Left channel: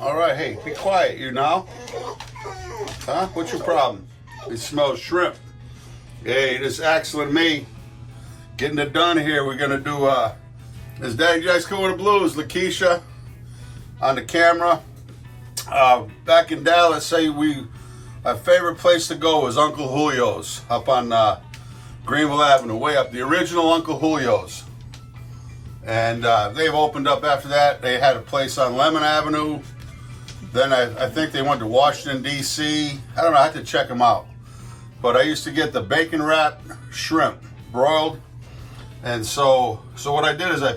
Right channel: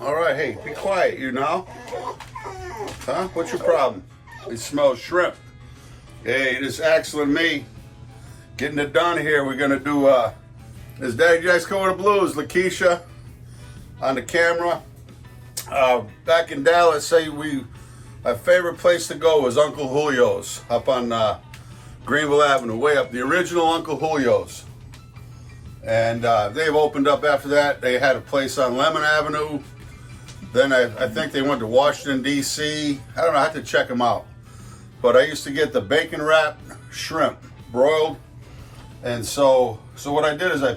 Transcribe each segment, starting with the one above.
All right, hey, be quiet, you now. Huh? What's your problem? It smells shrimp. Hey, this is Axel and me getting it done here. We're gonna do this Daddy Jack's Going to Blues, Lakeisha on the camera. Back in Dallas, say our favorite place to go was Uncle Julio's up on Greenville Avenue, way up, the original Uncle Julio's. And they've opened up after that. They had a place on Lemon Avenue. Then I think they went to Washington, D.C. I don't know, I have to check them out. But I used to get the bacon wrapped shrimp, broiled. And so what I did is I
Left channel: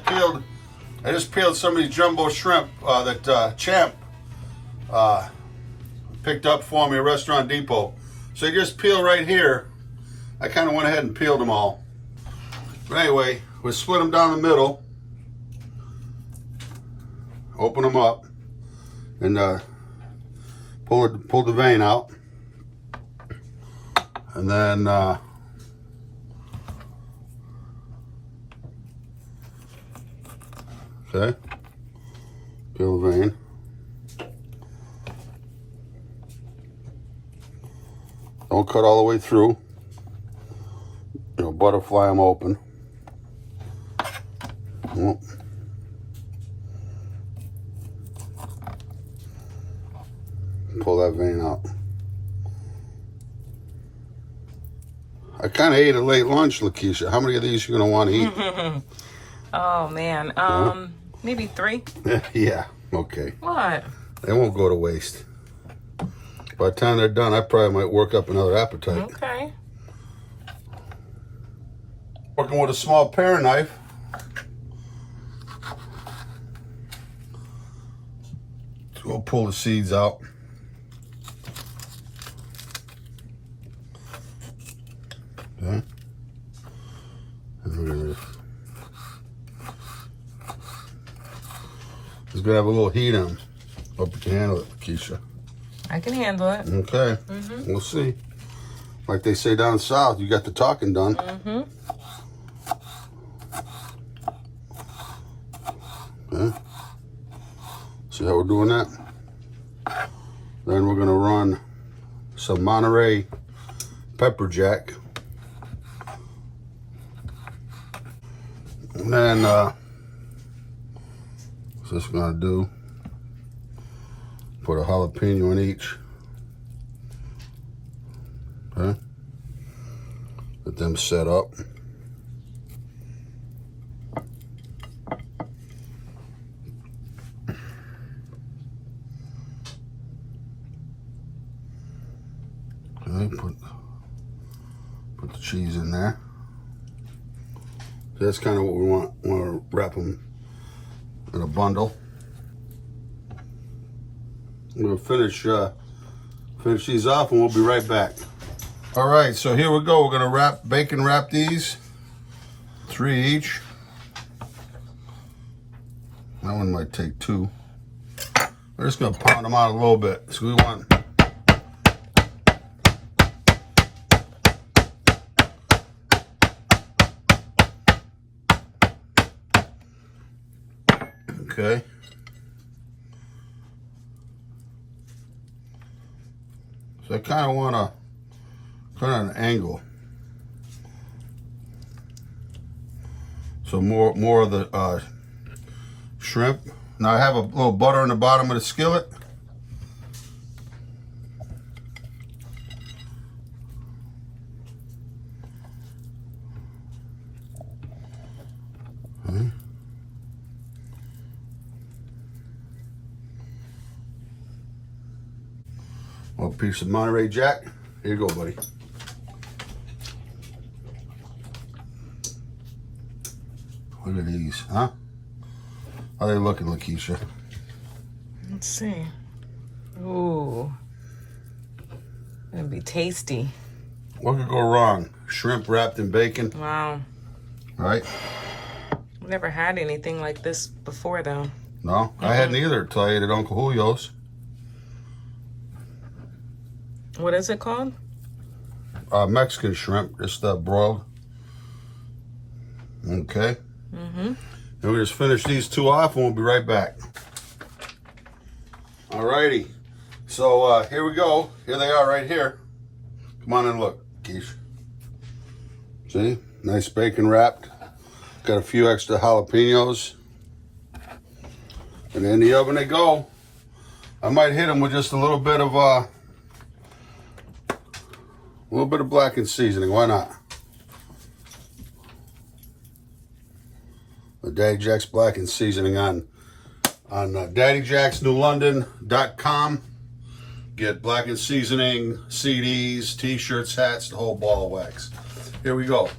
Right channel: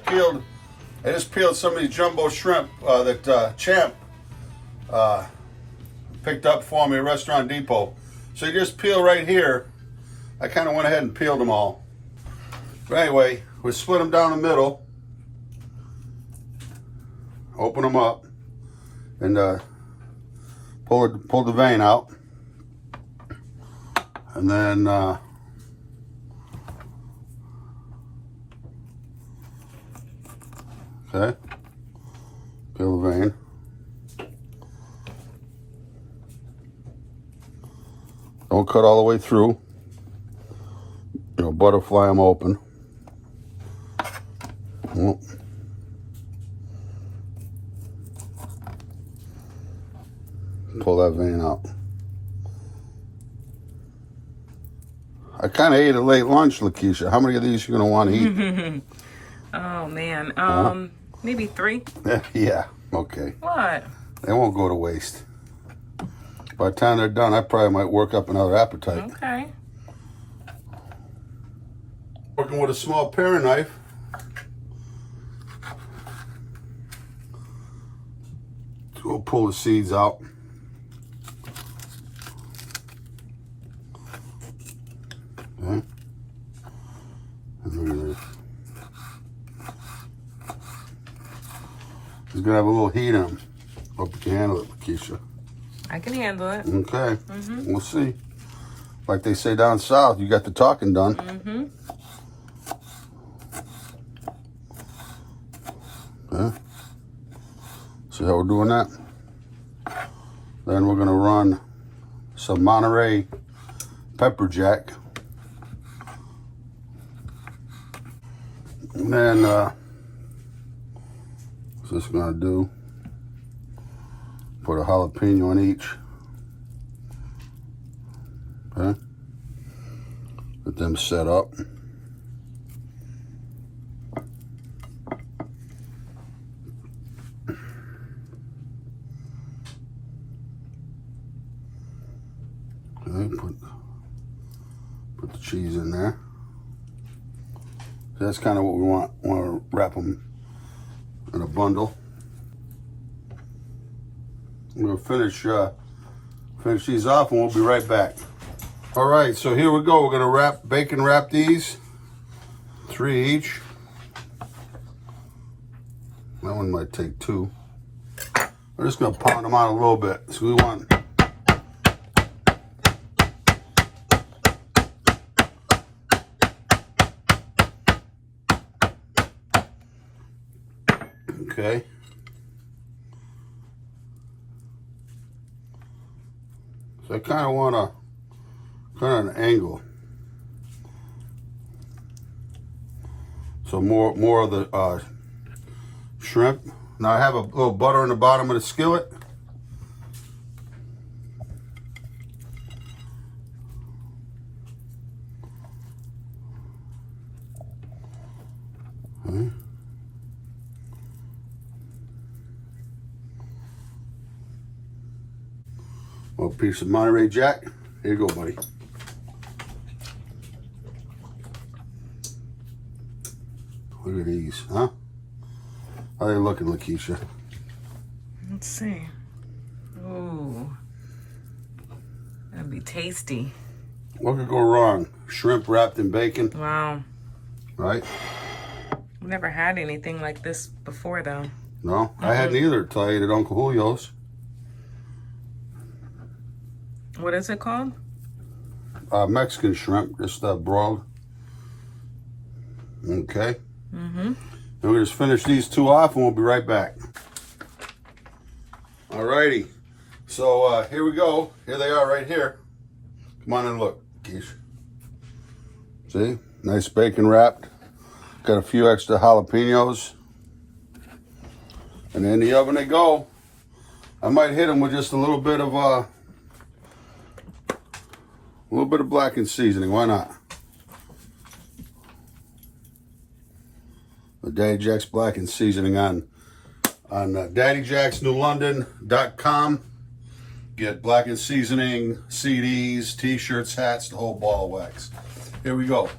just peeled some of these jumbo shrimp that Champ picked up for me at Restaurant Depot. So you just peel right here. I kind of went ahead and peeled them all. But anyway, we split them down the middle. Open them up and pull the vein out. And then okay, peel the vein. Don't cut all the way through. You know, butterfly them open. Pull that vein out. I kind of ate a late lunch, Lakeisha. How many of these you gonna want to eat? Oh man, maybe 3. Yeah. Okay. What? They won't go to waste. By the time they're done, I probably might work up another appetite. Okay. Working with a small paring knife. We'll pull the seeds out. Okay. It's gonna have a little heat in them. Hope you can handle it, Lakeisha. I can handle it. Okay. We'll see. Like they say down south, you got the talking done. Okay. See how we're doing that? Then we're gonna run some Monterey pepper jack. And then what's this gonna do? Put a jalapeno in each. Okay. Get them set up. Okay, put the cheese in there. So that's kind of what we want. We want to wrap them in a bundle. I'm gonna finish these off, and we'll be right back. All right, so here we go. We're gonna bacon wrap these, 3 each. That one might take 2. We're just gonna pound them out a little bit. So we want. Okay. So I kind of want to cut on an angle. So more of the shrimp. Now I have a little butter in the bottom of the skillet. Okay. A piece of Monterey Jack. Here you go, buddy. Look at these, huh? How are they looking, Lakeisha? Let's see. Ooh. That'd be tasty. What could go wrong? Shrimp wrapped in bacon. Wow. Right? I've never had anything like this before, though. No? I hadn't either until I ate at Uncle Julio's. What is it called? Mexican shrimp, just broiled. Okay. Mm-hmm. Then we just finish these 2 off and we'll be right back. Alrighty. So here we go. Here they are right here. Come on and look, Keish. See? Nice bacon wrapped. Got a few extra jalapenos. And in the oven they go. I might hit them with just a little bit of blackened seasoning. Why not? The Daddy Jack's blackened seasoning on daddyjacksnewlondon.com. Get blackened seasoning, CDs, t-shirts, hats, the whole ball of wax. Here we go.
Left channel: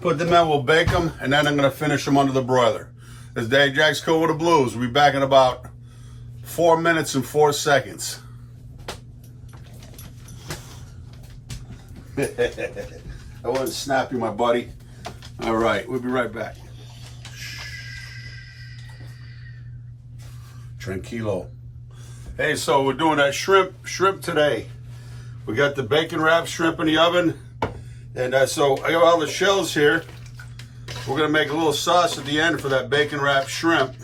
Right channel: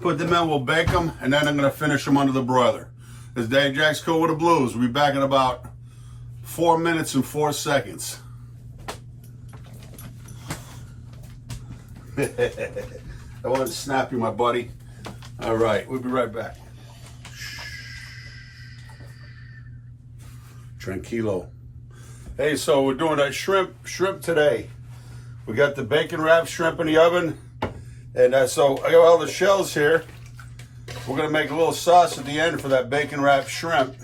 Put them in, we'll bake them, and then I'm going to finish them under the broiler. This is Daddy Jack's Cool with the Blues. We'll be back in about 4 minutes and 4 seconds. I wanted to snap you, my buddy. All right, we'll be right back. Tranquilo. Hey, so we're doing that shrimp today. We got the bacon wrapped shrimp in the oven. And so I got all the shells here. We're gonna make a little sauce at the end for that bacon wrapped shrimp.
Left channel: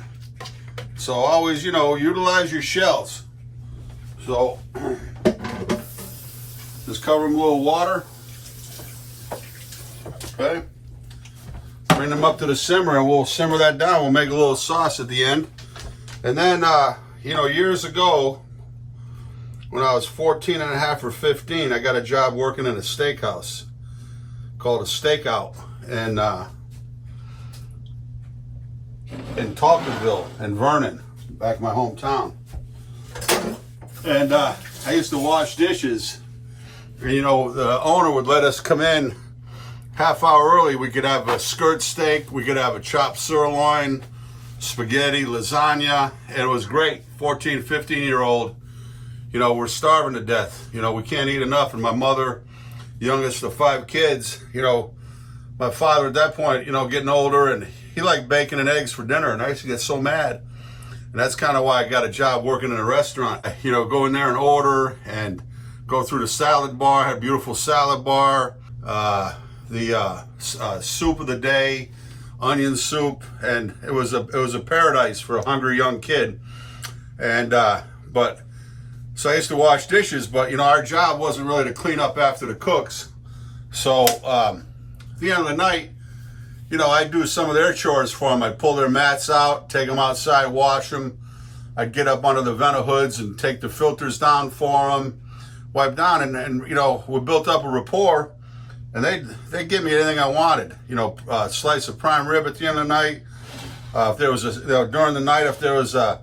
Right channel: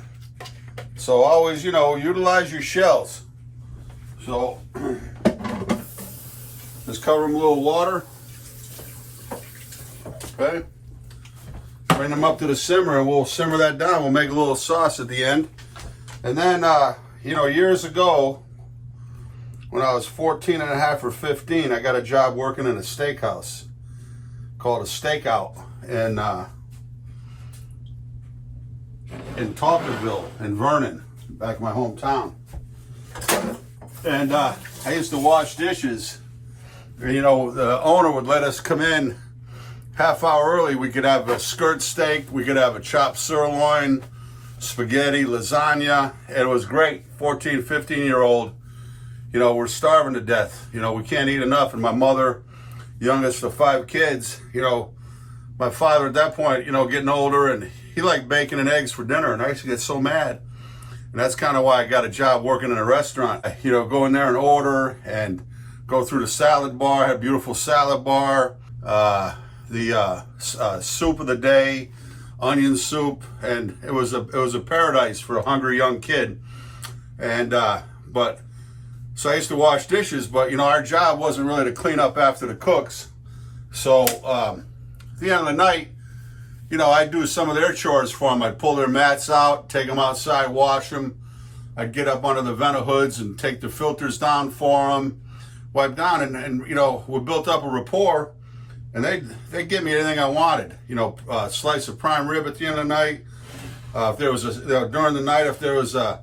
So always, utilize your shells. So just cover them with a little water. Okay. Bring them up to the simmer and we'll simmer that down. We'll make a little sauce at the end. And then, years ago, when I was 14 and a half or 15, I got a job working in a steakhouse called a Stakeout in Talkerville in Vernon, back in my hometown. And I used to wash dishes. And, the owner would let us come in half hour early. We could have a skirt steak, we could have a chopped sirloin, spaghetti, lasagna, and it was great. 14, 15-year-old, we're starving to death. We can't eat enough. And my mother, youngest of 5 kids, my father at that point, getting older, and he liked bacon and eggs for dinner, and I used to get so mad. And that's kind of why I got a job working in a restaurant. Go in there and order and go through the salad bar. I had a beautiful salad bar, the soup of the day, onion soup, and it was a paradise for a hungry young kid. And so I used to wash dishes, but our job wasn't really to clean up after the cooks. So at the end of the night, I'd do some of their chores for them. I'd pull their mats out, take them outside, wash them. I'd get up under the vent hoods and take the filters down for them, wipe down, and we built up a rapport. And they'd give me anything I wanted. A slice of prime rib at the end of the night. If there was during the night, if there was a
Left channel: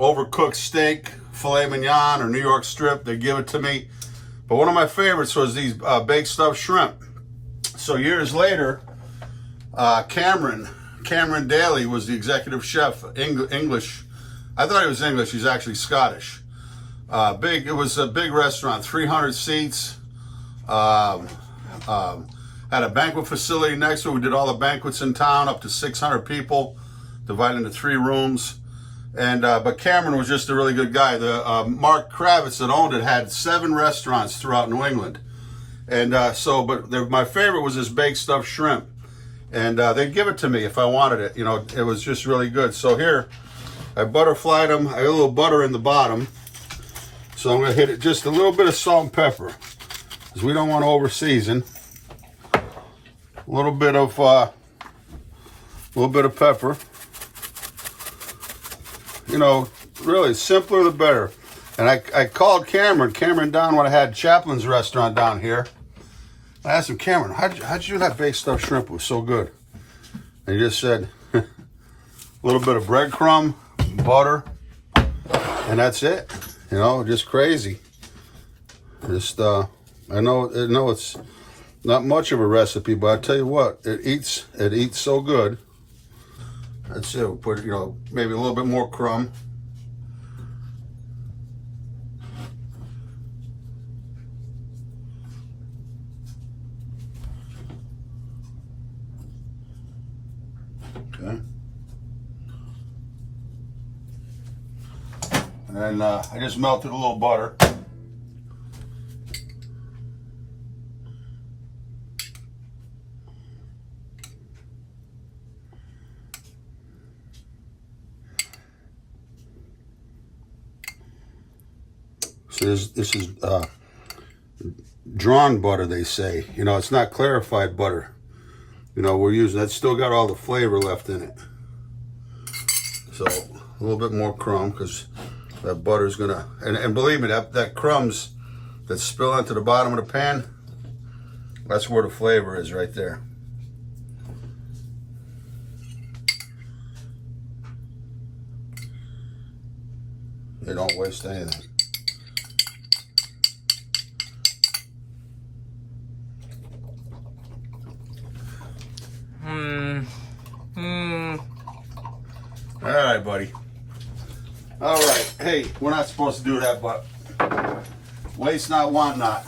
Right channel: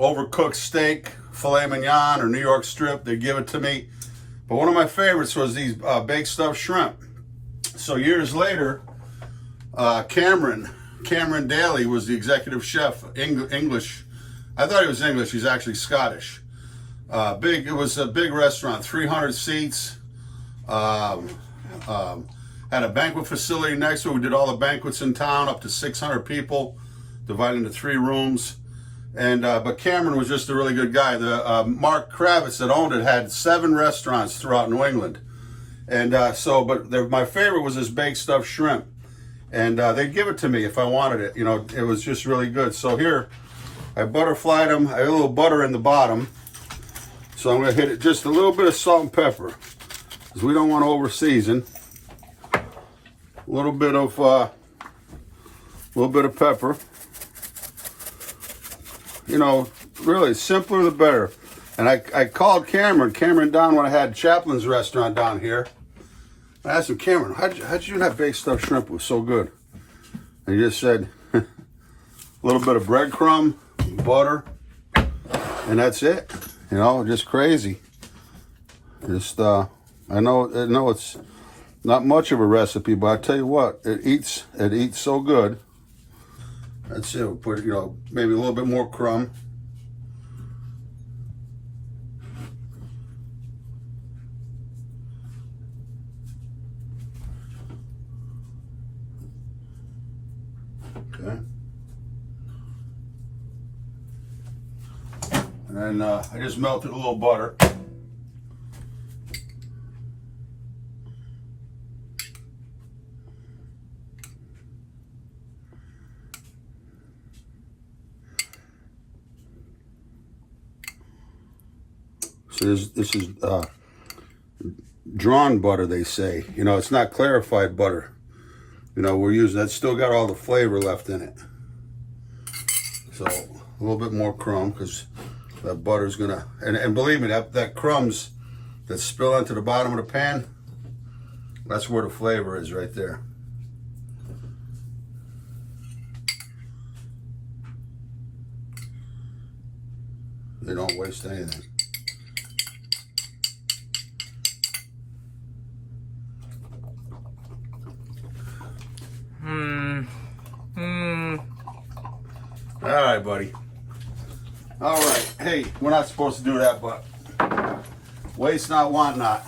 overcooked steak, filet mignon, or New York strip, they'd give it to me. But one of my favorites was these baked stuffed shrimp. So years later, Cameron Daly was the executive chef, English. I thought he was English. He's actually Scottish. It was a big restaurant, 300 seats. Had a banquet facility next to it. We did all the banquets in town, up to 600 people, divided into 3 rooms. And but Cameron was just a really good guy. The Mark Kravitz that owned it had 7 restaurants throughout New England. And my favorite was this baked stuffed shrimp. And they'd give it to me if I wanted it. It was just really good. So here, I butterflied them. I got a little butter in the bottom. So I'm gonna hit it just a little bit of salt and pepper, because we don't want to over season. A little bit of pepper. Really simpler the better. And I called Cameron down when I had Chaplin's restaurant down here. I asked him, Cameron, how'd you do that baked stuffed shrimp? It was so good. And he just said, a little bit of breadcrumb, butter, and that's it. Just crazy. I know it's not much of a recipe, but I tell you what, it eats so good. That's it. We'll put maybe a little bit more crumb. Okay. And then I just melted a little butter. So this is drawn butter, they say. You know, it's not clarified butter. You know, we're using, that's still got all the flavor left in it. So a little bit more crumb, because that butter's gonna, and believe me, that crumbs that spill into the bottom of the pan, that's where the flavor is right there. You don't waste anything. All right, buddy. All right. Hey, we're not supposed to do that, but waste not, want not.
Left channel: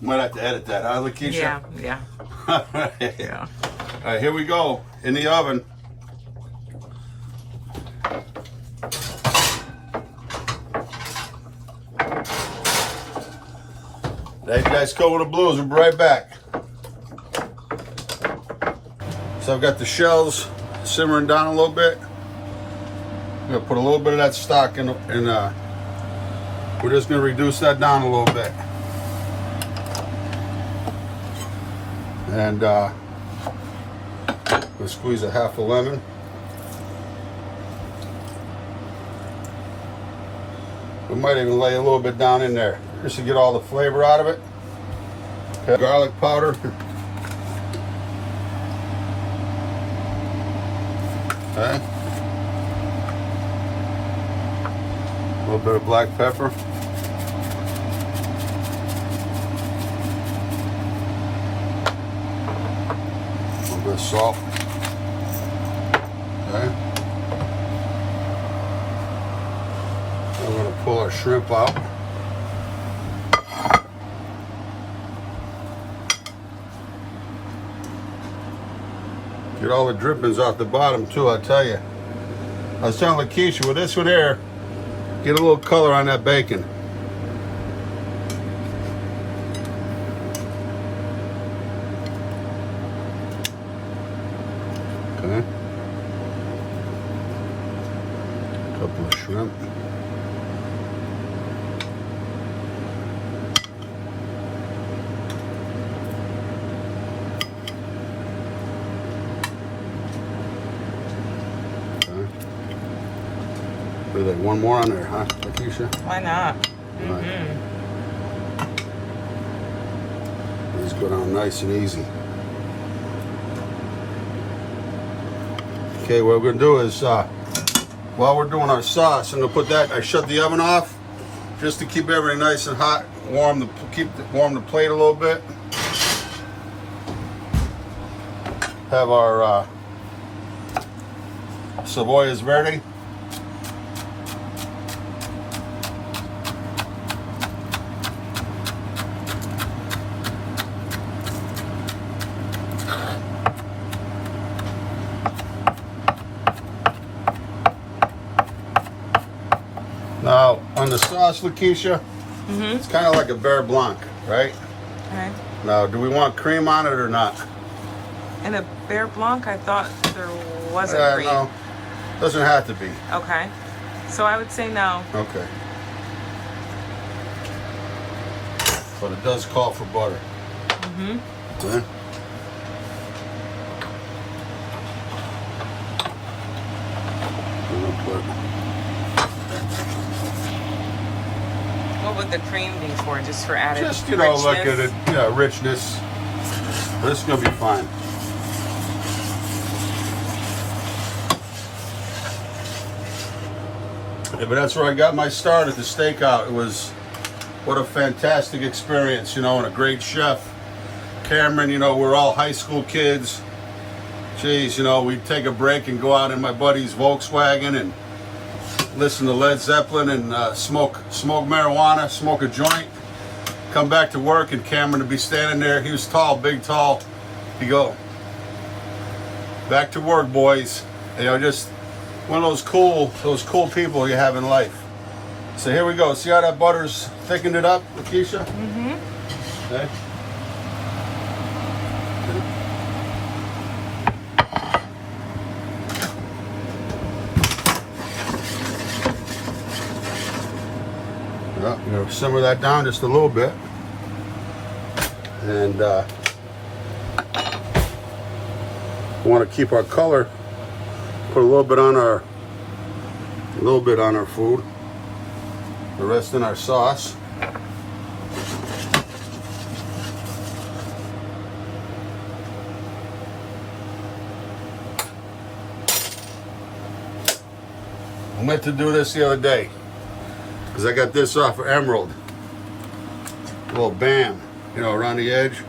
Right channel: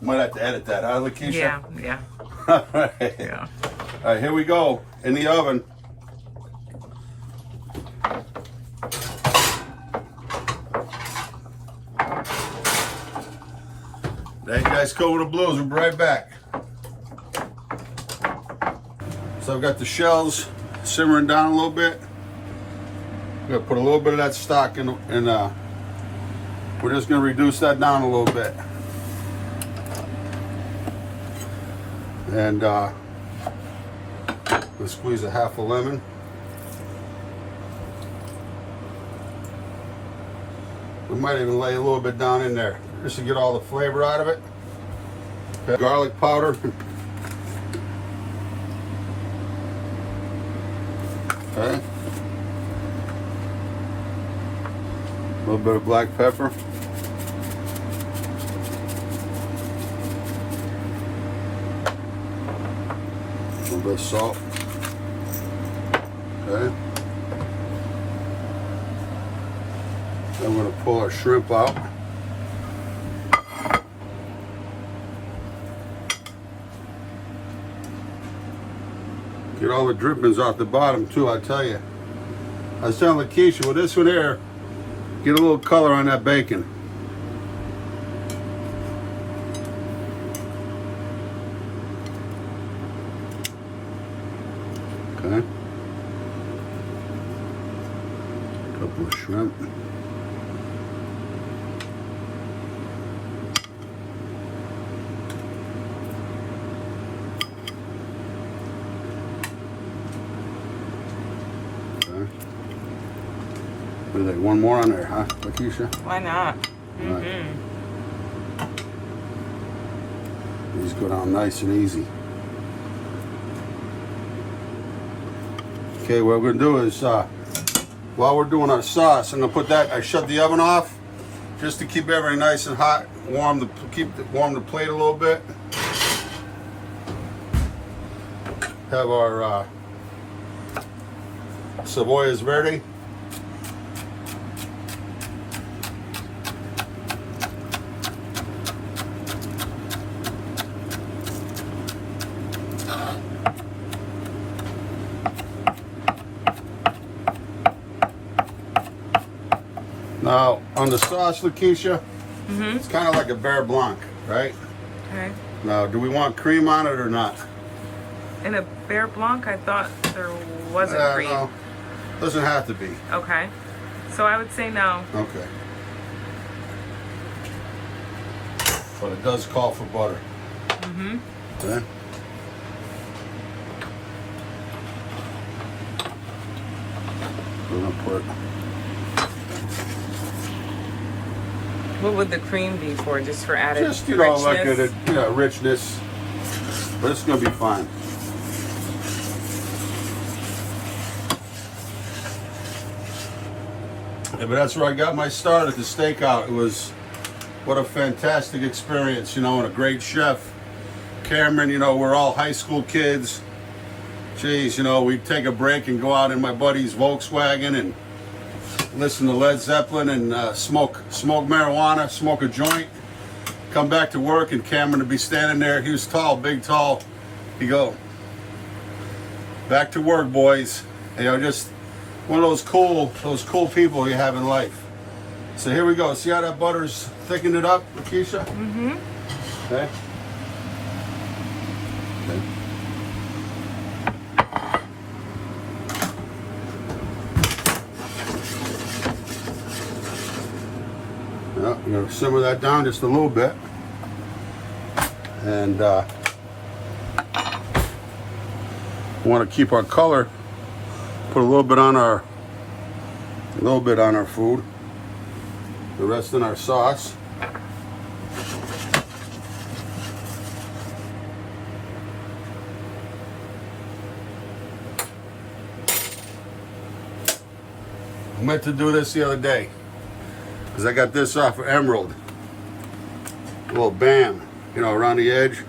Might have to edit that, huh, Lakeisha? Yeah, yeah. All right. Yeah. All right, here we go. In the oven. Hey guys, go with the blues. We'll be right back. So I've got the shells simmering down a little bit. I'm gonna put a little bit of that stock in, and we're just gonna reduce that down a little bit. And we'll squeeze a half a lemon. We might even lay a little bit down in there just to get all the flavor out of it. Okay. Garlic powder. Okay. A little bit of black pepper. A little bit of salt. Okay. I'm going to pull our shrimp out. Get all the drippings off the bottom too, I tell you. I was telling Lakeisha, with this one here, get a little color on that bacon. Okay. Couple of shrimp. One more on there, huh, Lakeisha? Why not? Mm-hmm. These go down nice and easy. Okay, what we're gonna do is, while we're doing our sauce, I'm gonna put that, I shut the oven off just to keep everything nice and hot, warm the plate a little bit. Have our cebollas verde. Now, on the sauce, Lakeisha, it's kind of like a Beurre Blanc, right? Okay. Now, do we want cream on it or not? In a Beurre Blanc, I thought there wasn't cream. No, doesn't have to be. Okay. So I would say no. Okay. But it does call for butter. Mm-hmm. Okay. What would the cream be for? Just for added Just, you know, richness? like a richness. But it's going to be fine. Yeah, but that's where I got my start at the Stakeout. It was, what a fantastic experience, you know, and a great chef. Cameron, you know, we're all high school kids. Jeez, you know, we'd take a break and go out in my buddy's Volkswagen and listen to Led Zeppelin and smoke marijuana, smoke a joint. Come back to work and Cameron would be standing there. He was tall, big, tall. He'd go, back to work, boys. You know, just one of those cool people you have in life. So here we go. See how that butter's thickened it up, Lakeisha? Mm-hmm. Okay. You know, simmer that down just a little bit. And we want to keep our color. Put a little bit on our food. The rest in our sauce. I meant to do this the other day because I got this off of Emerald. A little bam, you know, around the edge.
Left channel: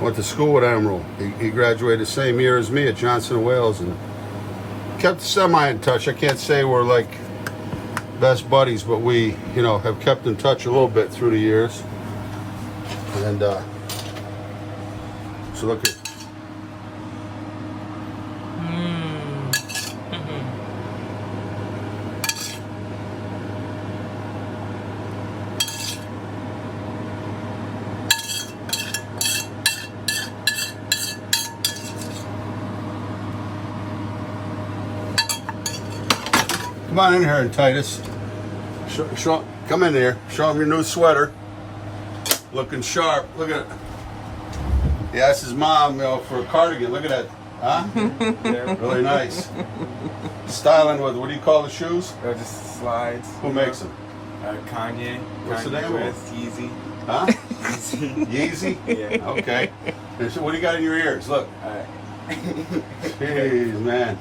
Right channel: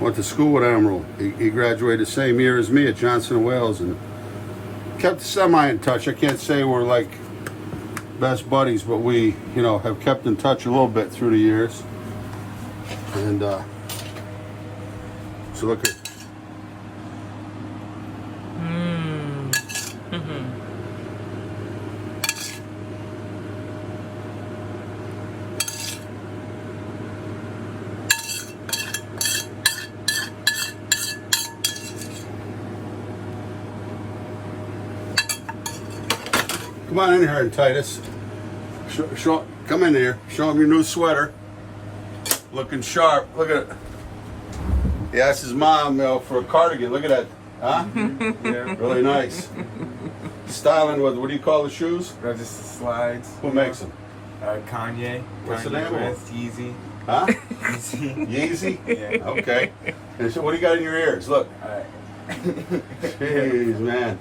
Went to school with Emerald. He graduated the same year as me at Johnson & Wales and kept semi in touch. I can't say we're like best buddies, but we, you know, have kept in touch a little bit through the years. And so look at. Come on in here, Titus. Come in here. Show him your new sweater. Looking sharp. Look at it. He asked his mom, you know, for a cardigan. Look at that. Huh? Yeah. Really nice. Styling with, what do you call the shoes? They're just slides. Who makes them? Kanye. What's the name of it? Yeezy. Huh? Yeezy. Yeezy? Yeah. Okay. And so what do you got in your ears? Look. Jeez, man.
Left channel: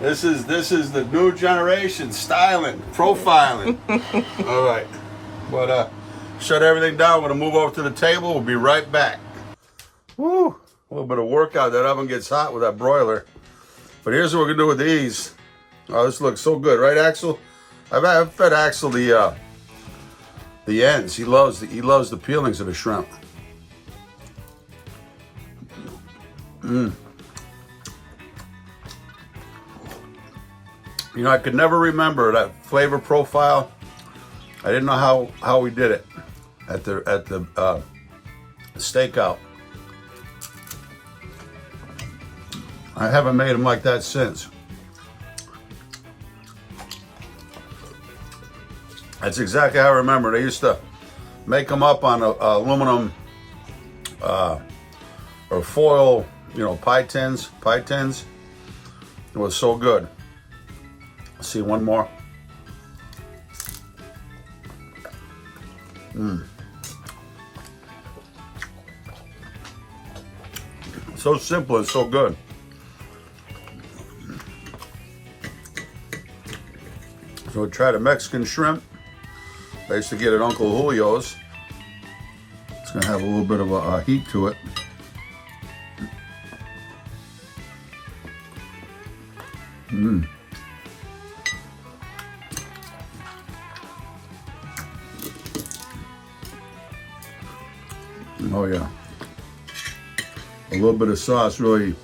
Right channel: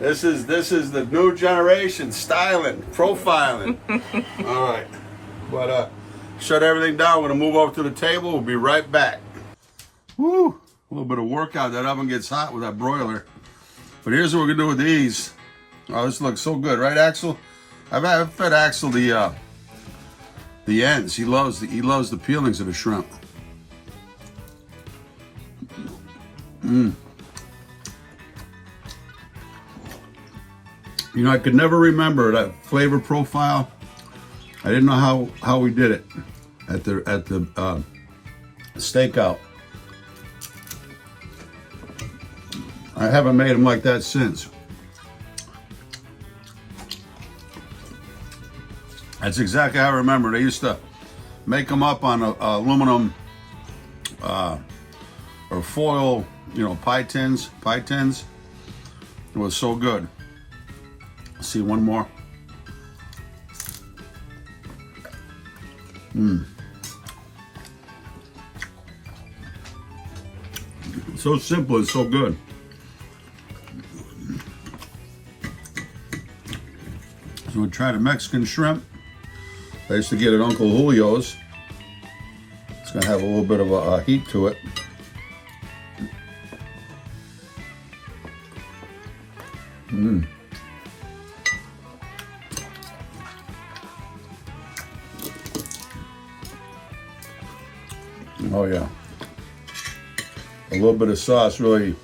This is the new generation styling, profiling. All right, but shut everything down. We're gonna move over to the table. We'll be right back. Woo! A little bit of workout. That oven gets hot with that broiler. But here's what we're gonna do with these. Oh, this looks so good, right, Axel? I've fed Axel the ends. He loves the peelings of the shrimp. You know, I could never remember that flavor profile. I didn't know how we did it at the stakeout. I haven't made them like that since. That's exactly how I remember. They used to make them up on aluminum or foil, you know, pie tins. It was so good. See one more. So simple and so good. So we tried a Mexican shrimp. I used to get at Uncle Julio's. It's gonna have a little bit of a heat to it. Oh yeah. A little bit of sauce, really. You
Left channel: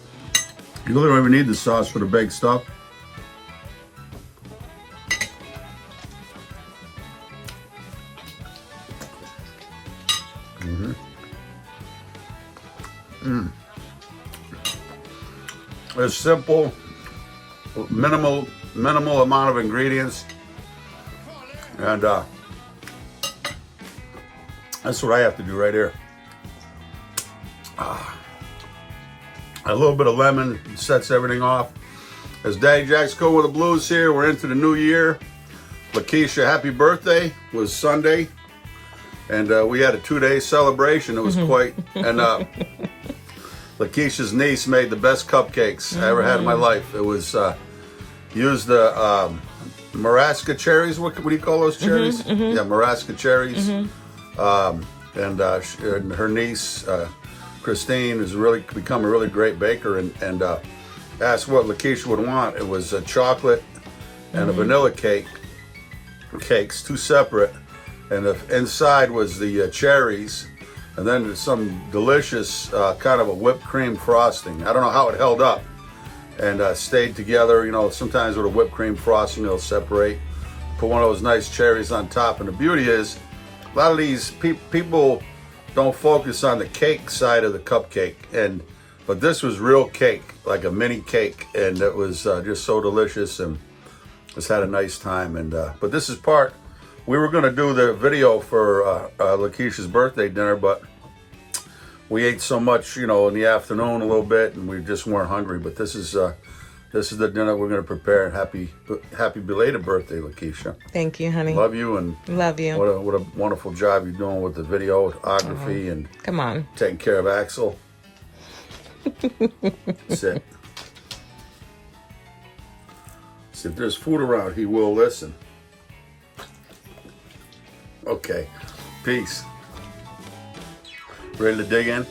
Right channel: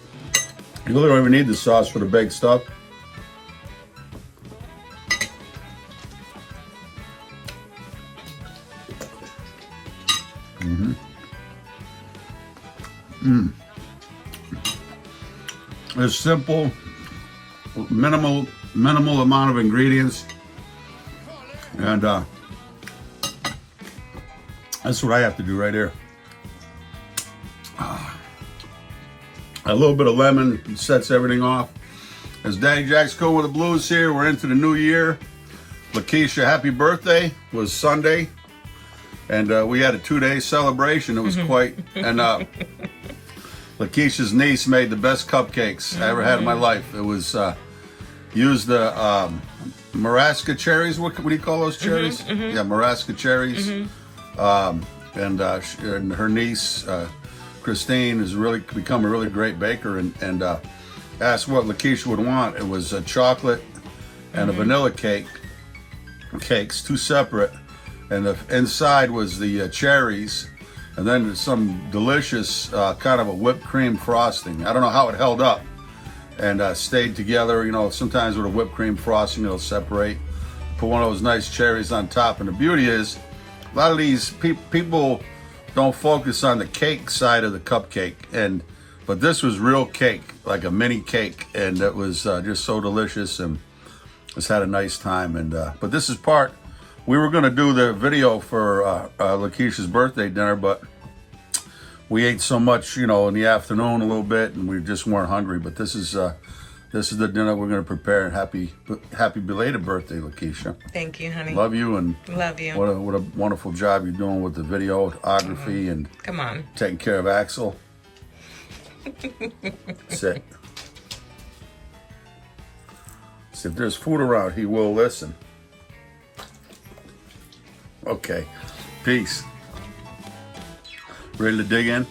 really don't even need the sauce for the baked stuff. It's simple, minimal amount of ingredients, and that's what I have to do right here. A little bit of lemon sets everything off. As Daddy Jack's going with the blues here, we're into the new year. Lakeisha, happy birthday, was Sunday. And we had a 2-day celebration. It was quite, and Lakeisha's niece made the best cupcakes I ever had in my life. It was, used the Marasca cherries. What do you call those cherries? Yeah, Marasca cherries. And her niece, Christine, has really become a really great baker, and asked what Lakeisha would want. It was a chocolate and a vanilla cakes, two separate, and the inside was the cherries, and then some delicious kind of a whipped cream frosting. I don't know how it held up and stayed together. You know, sometimes with a whipped cream frosting, it'll separate. Put one of those nice cherries on top, and the beauty is, a lot of these people don't focus on the cake side of the cupcake, but this was real cake, like a mini cake, and it was just so delicious, and just had a nice time. And but this is part We were gonna do the video for Lakeisha's birthday dinner, but we ate so much, you know, in the afternoon a little bit, and we just weren't hungry. But this is the dinner we're gonna prepare. Happy belated birthday, Lakeisha. Thank you, honey. Love you, and Love you. what a wonderful job you're doing with the videography and Come on. taking care of Axel. Sit. See, if there's food around, he will listen. Okay. Peace. Ready to dig in?